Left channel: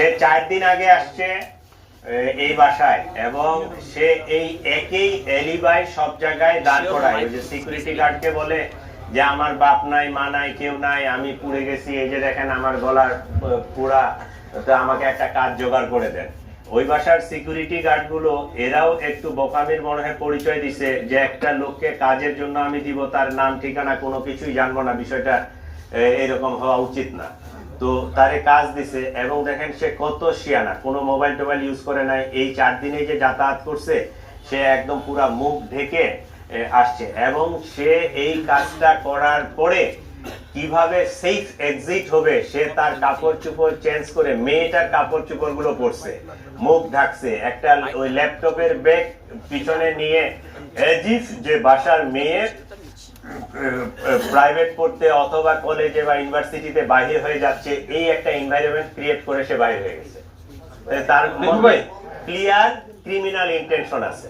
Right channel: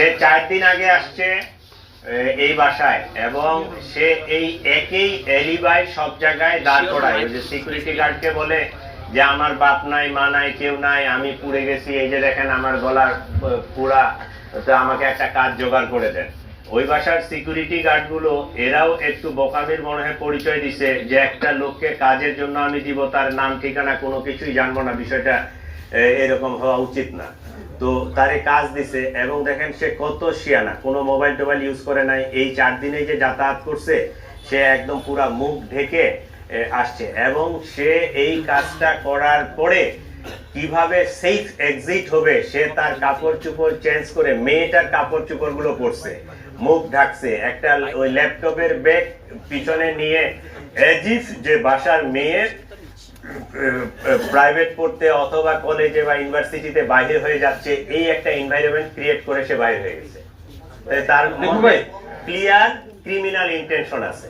সে 4 দিন আগে আসছে এই বাসায়, এবং সে এই একই এলিবাই সব জায়গায় দাঁড় করায়। ওই যে সিকিউরিটি গার্ডকে বলে যে আমার বাপ নাই, মা নাই, কেউ নাই, আমি পুড়ে গেছি, এই যে দেখেন আমার গলার পুরা, তো আমাকে একটা কাজ জোগাড় করে দেন। ওই বাসার সিকিউরিটি গার্ড গুলো এরাও একটু বোকামির মনে হয় পরিচয় দিছে যে একটা লোককে কাজের জন্য আমি দিব, তার নাম ঠিকানা কোনো কিছুই জানবো না, বিষয়টা এরকম হওয়া উচিত না। তো তারে কাজ দিছে, এবং দেখেন সে কত শিয়ানা, কোনো মোবাইল টোবাইল ইউজ করে নাই। এই 4 দিনে যে যাতায়াত করছে, সে একদম পুরা মুখ ঢেকে আসছে, এবং সে এই কাজটা করার পরে কিভাবে সেফ এক্সিট হবে, সে তার কাপড় চোপড় চেঞ্জ করে মেয়েটার কাপড় চোপড় গুলো পরছে, মুখ ঢাকছে, একটা ওই ল্যাপটপের ব্যাগ পিছনে নিয়ে এজিফ যে বাসার মেয়ে প্রাইভেট পড়তে অথবা কলেজে বা ইউনিভার্সিটিতে বাইরে হয়ে যাচ্ছে, এই একটা এনভায়রনমেন্ট ক্রিয়েট করে সে বাইরে হয়ে গেছে। তার মধ্যে ক্লিয়ার ক্রিমিনাল ইন্টেনশন আছে।